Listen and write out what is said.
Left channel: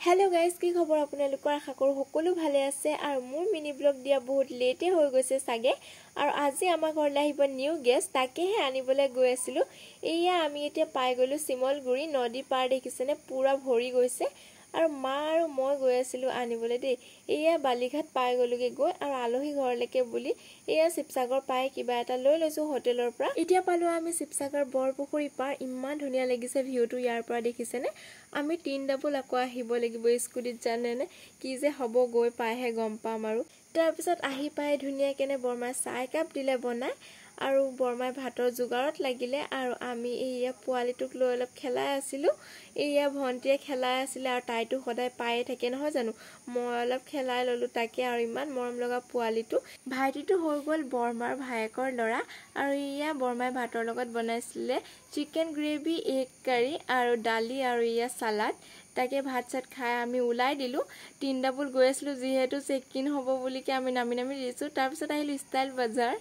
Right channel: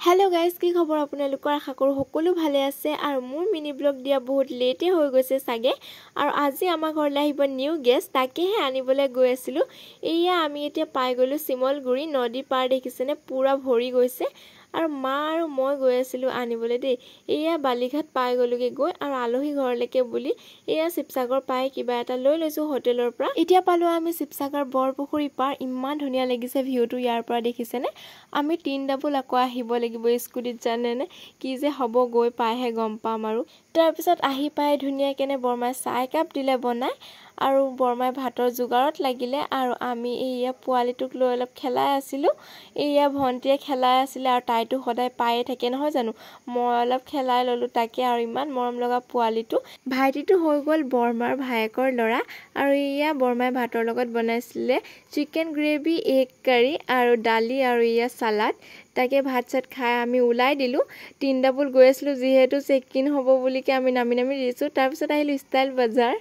hello guys की खबर আপোনালোকৰ আশা কৰো সকলো ভালে আছে আৰু মোৰ মিনি ব্লগ দিয়া বহুত লেটে হৈ গৈছে সাগে আৰু আজি আমাৰ ঘৰলৈ আহিব নিউ গেষ্ট তাকেহে আনিবলৈ গৈ আছিলো এয়া আমি এতিয়া পাই গলো শিমলগুৰি নদী পাৰ দেখিছেনে পুৰা ভৰি গৈছে আৰু মা আৰু মই গৈ আছিলো আনিবলৈ দে এয়া বালিঘাট পাই গলোগে গৈ আৰু আলহী ঘৰলৈকে বুলি এয়া শিৱসাগৰ পাই কিবা এটা লৈ লৈছো হোটেলৰ পৰা এতিয়া পালো আমি শিৱসাগৰ বৰপুখুৰী পাৰ ইমান ধুনিয়া লাগিছে ভিউটো ইয়াৰ পৰা দেখিছেনে আমি 3 ডাবল আকৌ আহিব লাগিব স্কুটিত জানেনে কি যে হ'ব গৈ পাইহে গম পাম আৰু তাৰ পিছত আহি পাই ধুনিয়া কেনে বৰমাই চাহ কাপ দিলে বনাই আৰু বৰমাই ভাতৰ যোগাৰত লাগিলে আৰু আমি এয়া পোৱালিটোক লৈ অলপ খেলাই আছিলো এয়া ভন্টিয়ে খেলাই আছিল আৰু তাইটো সদায় পায়ে থাকে নহয় জানো মই অলপ খেলাই ললো তাকে আৰু ইমান মৰম লগা পোৱালিটো ভাইটিটো হৈ গল বৰমাৰ ভায়েকৰ লৰা আৰু এয়া বৰমাই ভাতৰ লগত বনাইছিলে চিকেন গ্ৰেভি এগ কাৰী আৰু দালি আৰু এয়া সালাড তাকে ভাত চাত খাই আমি উলাই দিলু 3 ডাবল গৈ আছিলো যেহেতু চেক ইন হ'ব বুলিকে আমি নামি দিছো তাৰ পিছত আহিলো ষ্টাইল বাজাৰ